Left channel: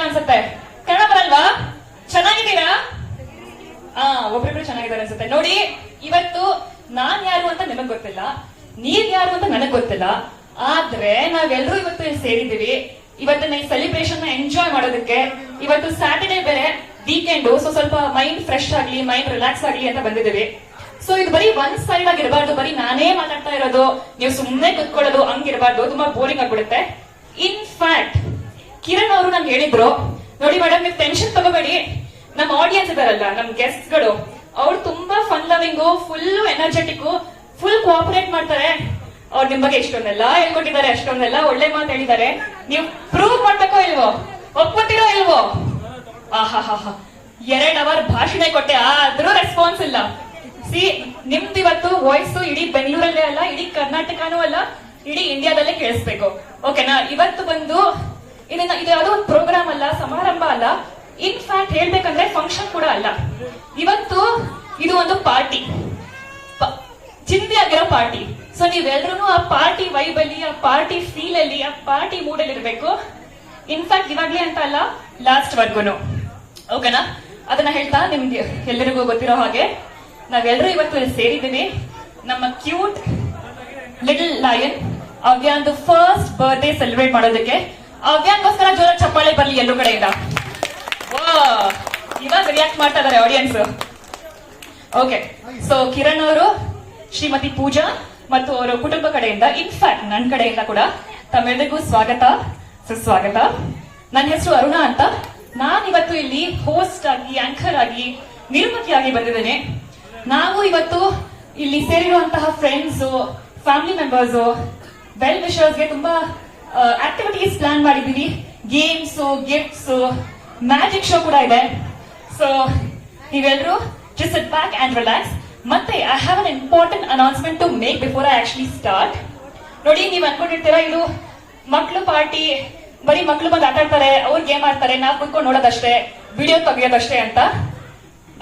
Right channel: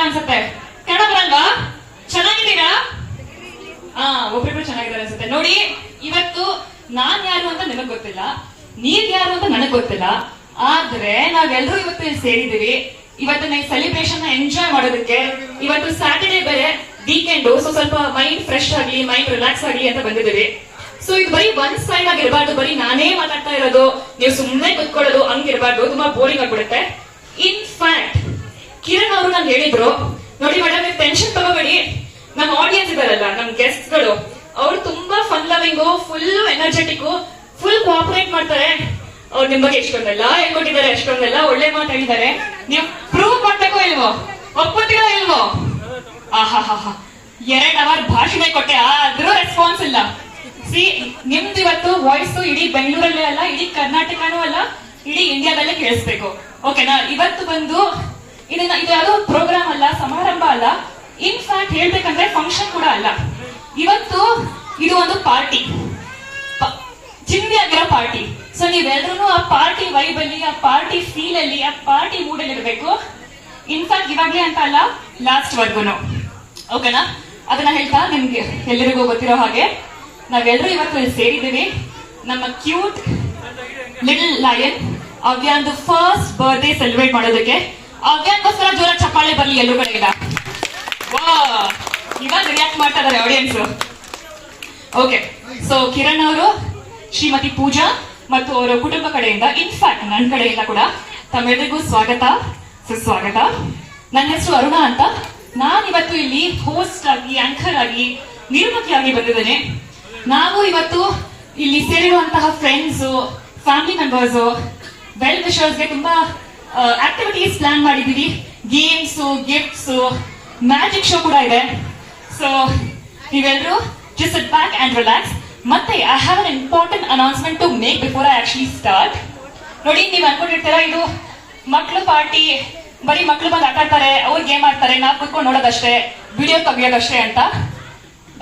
ಬರ್ತಿಲ್ಲ ಅನ್ಸುತ್ತೆ. ಕನ್ನಡ ಬರಲ್ವಾ? ಚೆನ್ನಾಗಿದ್ದೀರಾ? ಒಬ್ರಿಬ್ರು ಚೆನ್ನಾಗಿದ್ದಾರೆ ಅನ್ಸುತ್ತೆ. ನೋಡಿ, ಇವತ್ತು ನಾನ್ ಯಾರು ಅಂತ ನಿಮಗ್ ಗೊತ್ತಿಲ್ಲ, ನೀವ್ ಯಾರು ಅಂತ ನನಗ್ ಗೊತ್ತಿಲ್ಲ. ಆದ್ರೆ ನಾವೆಲ್ಲರೂ ಇವತ್ತು ಇಲ್ಲಿ ಸೇರಿದೀವಿ. ಇವತ್ತಿನ ಈ ಸೆಲಿಬ್ರೇಷನ್ ಎಂಜಾಯ್ ಮಾಡೋದಕ್ಕೆ. ಇವತ್ತು ಸ್ಯಾಟರ್ಡೇ ಬೇರೆ, ವೀಕೆಂಡ್. ಸೊ ಸ್ವಲ್ಪ ಮೈಂಡ್ ಫ್ರೆಶ್ ಆಗ್ಲಿ, ಮೈಂಡ್ ರಿಲ್ಯಾಕ್ಸ್ ಆಗ್ಲಿ ಅಂತ ಬಂದಿದ್ದೀವಿ. ಸೊ ಇದು ಬರೀ ಒನ್ ಸೈಡ್ ಆಗಿರಬಾರ್ದು, ಬರೀ ನಾನೇ ಮಾತಾಡ್ತಾ ಇರೋದು, ನೀವು ಸುಮ್ಮನೆ ಕುತ್ಕೊಳ್ಳೋದು ಹಂಗಿರಬಾರ್ದು, ತುಂಬಾ ಬೋರಿಂಗ್ ಆಗ್ಬಿಡುತ್ತೆ. ಇನ್ ಫ್ಯಾಕ್ಟ್ ಕಿರಣ್ ಅವರು ನಂಗೆ ಹೇಳಿದ್ರು, ನೋಡಿ ಮೇಡಮ್, ನೀವು ಟೆನ್ಷನ್ ತಗೋಬೇಡಿ, ನಮ್ಮ ಆಡಿಯನ್ಸ್ ಇದಾರಲ್ಲ, ನಮ್ ಗೆಸ್ಟ್ ಗಳು, ಅವ್ರು ತುಂಬಾ fun loving, full energetic, full cooperate ಮಾಡ್ತಾರೆ. ಅವ್ರು ನಿಮ್ ಬಗ್ಗೆ ಎಷ್ಟೊಂದೆಲ್ಲ ಹೇಳ್ಕೊಟ್ಟಿದ್ದಾರೆ, ಅಷ್ಟೊಂದೆಲ್ಲ ಒಳ್ಳೆ ಮಾತು ಹೇಳಿದ್ದಾರೆ. ನೀವು ಪ್ರೂವ್ ಮಾಡ್ಬೇಕೋ ಇಲ್ವೋ, ಒಪ್ಕೊಟ್ಟಿರೋ ಇಲ್ವೋ? ಆಹಾ 2 ಅವರ್ ಭಾಷಣ ಕೊಟ್ಟೆ, ಆದ್ರೂ ರೆಸ್ಪಾನ್ಸ್ ಇಲ್ಲ. ಸಿ, ನಿಮ್ದು ಇವತ್ತು ವಾಯ್ಸ್ ಇಡೀ ಬೆಂಗಳೂರಲ್ಲೇ ಅಲ್ಲ, ಇಡೀ ಕರ್ನಾಟಕನೂ ಅಲ್ಲ, ಇಡೀ ಇಂಡಿಯಾದಲ್ಲೇ ಕೇಳಿಸ್ಬೇಕು. ಓಕೆನಾ? ಇವತ್ತು ಬಂದು ಇದು ಯಾವುದೋ ಒಂದು ಪ್ರೋಗ್ರಾಮ್ ಅಲ್ಲ, ಸಮಾರಂಭ ಅಲ್ಲ, ಇನ್ ಫ್ಯಾಕ್ಟ್ ಹೇಳ್ಬೇಕಂದ್ರೆ ಫಂಕ್ಷನ್ ಕೂಡ ಅಲ್ಲ. ಇವತ್ತು ಇದು ಒಂದು ಪಾರ್ಟಿ, ಚಿಂದಿ ಆಗಿರೋ ಪಾರ್ಟಿ. ಸೊ ನೀವೆಲ್ಲರೂ ಆ ಪಾರ್ಟಿ ವೈಬ್ ಅಲ್ಲಿ, ಆ ಪಾರ್ಟಿ ಫೀಲ್ ಅಲ್ಲಿ, ಆ ಪಾರ್ಟಿ ಮೂಡ್ ಅಲ್ಲಿ ಇರಬೇಕು. ಇನ್ಫ್ಯಾಕ್ಟ್ ಇವಾಗ್ಲೇ ಅಂತ ಅಲ್ಲ, ಲಾಸ್ಟ್ ವರ್ಗುನು. ಓಕೆನಾ? ಅದನ್ನ ಹೇಳ್ತಾ ನಿಮ್ಗೆ ಎಲ್ಲರಿಗೂ ಗೊತ್ತಿರೋ ಹಾಗೆ ನಾವೆಲ್ಲರೂ ಇವತ್ತು ಇಲ್ಲಿ ಸೇರಿದ್ದೀವಿ. ನಮ್ಮ ಕ್ಯೂಟ್ ಲಿಟಲ್ ಲಯನ್ ಅವ್ಯಾಂದು ಫಸ್ಟ್ ಬರ್ತ್ಡೇ ಸೆಲೆಬ್ರೇಟ್ ಮಾಡೋದಕ್ಕೆ. ಅವ್ಯಾಂಗೋಸ್ಕರ ಜೋರ ಚಪ್ಪಾಳೆ ಬರ್ಲಿ ಎಲ್ಲರೂ ಕಡೆಯಿಂದ. ಇವಾಗ ರಿಯಾಕ್ಟ್ ಮಾಡ್ತಾ ಇದಾರೆ ಆಡಿಯನ್ಸ್. ಓಕೆ, ಸೊ ಕಿರಣ್ ಅವರು, ಶ್ರೀಮತಿ ಪೂಜಾ ಮತ್ತು ಅವರ ಕುಟುಂಬ ಕಡೆಯಿಂದ, ಇನ್ಫ್ಯಾಕ್ಟ್ ನನ್ನ ಕಡೆಯಿಂದ ಕೂಡ ತಮ್ಮೆಲ್ಲರಿಗೂ ಸ್ವಾಗತ, ಸುಸ್ವಾಗತ. ನನ್ನ ಹೆಸರು ಅರುಣ ಅಂತ. ನಾನು ಇವತ್ತು ಇಲ್ಲಿ ಹೋಸ್ಟ್ ಆಗಿ, ಆಂಕರ್ ಆಗಿ, ನಿರ್ಮಾತಿಯಾಗಿ ಬಂದಿದ್ದೇನೆ. ನಾವು ಇವತ್ತು ಇಲ್ಲಿ ಸೇರಿರುವಂತಹ ಫ್ರೆಂಡ್ಸ್, ಫ್ಯಾಮಿಲಿ ಮೆಂಬರ್ಸ್, ವೆಲ್ ವಿಶರ್ಸ್ಗೆ ತುಂಬಾ ಆಕ್ಟಿವಿಟೀಸ್ ಪ್ಲಾನ್ ಮಾಡಿದೀವಿ. ಗೇಮ್ಸ್, ಗಿಫ್ಟ್ಸ್, ಮ್ಯಾಜಿಕ್ ಶೋ ಕೂಡ ಇದೆ. ಸೊ ನೀವೆಲ್ಲರೂ just sit back and relax. ಮತ್ತೆ I have an important announcement to make before I actually start. ನೋಡಿ, ನೀವು ಅನ್ಕೊಂಡಿರ್ತೀರಾ ಇದು ಮಕ್ಳು ಪಾರ್ಟಿ, ಬರೀ ಮಕ್ಳು ಬಂದು ಆಟ ಆಡ್ತಾರೆ, ಅವ್ರು ಗೇಮ್ ಆಡ್ತಾರೆ, ನಾವು ಕುತ್ಕೊಂಡು ನೋಡೋದಷ್ಟೇ, ವಿಡಿಯೋ ತೆಗಿಯೋದಷ್ಟೇ ಅಂತ.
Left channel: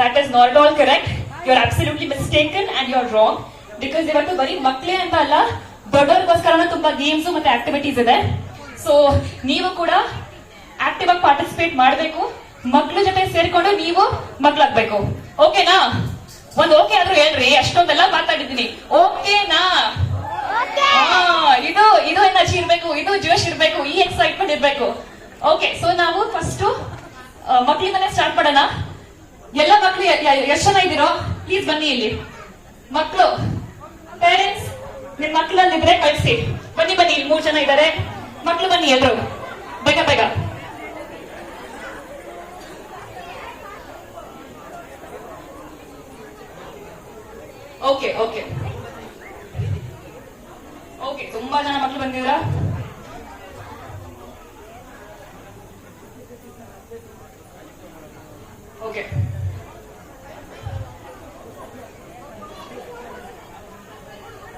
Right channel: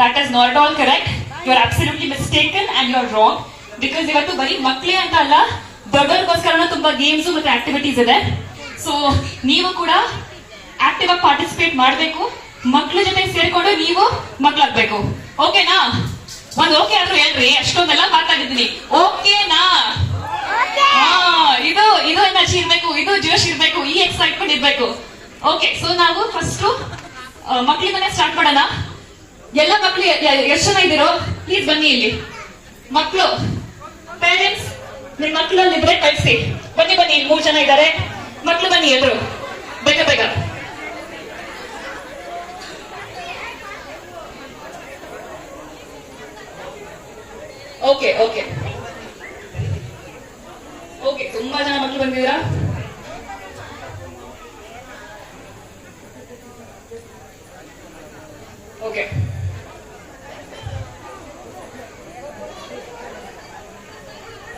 That is not all correct. You are absolutely mistaken and you are wrong. Because ಇವತ್ತು ಬರೀ ಮಕ್ಳೇ ಅಂತ ಅಲ್ಲ, ದೊಡ್ಡವ್ರಿಗೋಸ್ಕರ ತುಂಬಾ ಗೇಮ್ಸ್ ಮತ್ತೆ ಆಕ್ಟಿವಿಟೀಸ್ ಇದೆ. ಸೊ ನೀವು ಕೂಡ ಆಕ್ಟಿವ್ ಆಗಿ ಪಾರ್ಟಿಸಿಪೇಟ್ ಮಾಡಬೇಕು. ಮಕ್ಳ ಜೊತೆ ಸೇರ್ಕೊಂಡು ನೀವು ಮಕ್ಳಾಗ್ಬೇಕು. ಓಕೆನಾ? ಒಂದ್ ಓಕೆ ಆದ್ರೂ ಹೇಳ್ರಿ, ಅಷ್ಟೊಂದೆಲ್ಲ ಮಾತಾಡಿದ್ದೀನಿ. ಓಕೆನಾ? ಇದು ಎನರ್ಜಿ ಇರ್ಬೇಕು, ಇದು ಜೋಶ್ ಇರ್ಬೇಕು, ಈ ಎಕ್ಸೈಟ್ಮೆಂಟ್ ಇರ್ಬೇಕು. ಓಕೆ, ಸೊ ನಾವು ಫಸ್ಟ್ ಮಕ್ಳಿಂದಾನೆ ಸ್ಟಾರ್ಟ್ ಮಾಡೋಣ. ಎಲ್ಲ ಮಕ್ಳು ಎಷ್ಟು ಜನ ಇದ್ದೀರೋ ಪ್ಲೀಸ್ ಬನ್ನಿ ಇಲ್ಲಿ. ಮಕ್ಳು ಪೇರೆಂಟ್ಸ್, ನಿಮ್ ಮಕ್ಳಲ್ಲಿದ್ರೆ ಕಳ್ಸಿ. ಬನ್ನಿ ಬನ್ನಿ, 3 ಜನ ಇದ್ದಾರೆ. ಮಕ್ಳು ಬನ್ನಿ ಎಲ್ರು, ಬೇಗ ಬೇಗ. ಓಕೆ ಓಕೆ ಓಕೆ, ತುಂಬಾ ಜನ ಮಕ್ಳು ಬಂದಿದ್ದೀರಾ. ಓಕೆ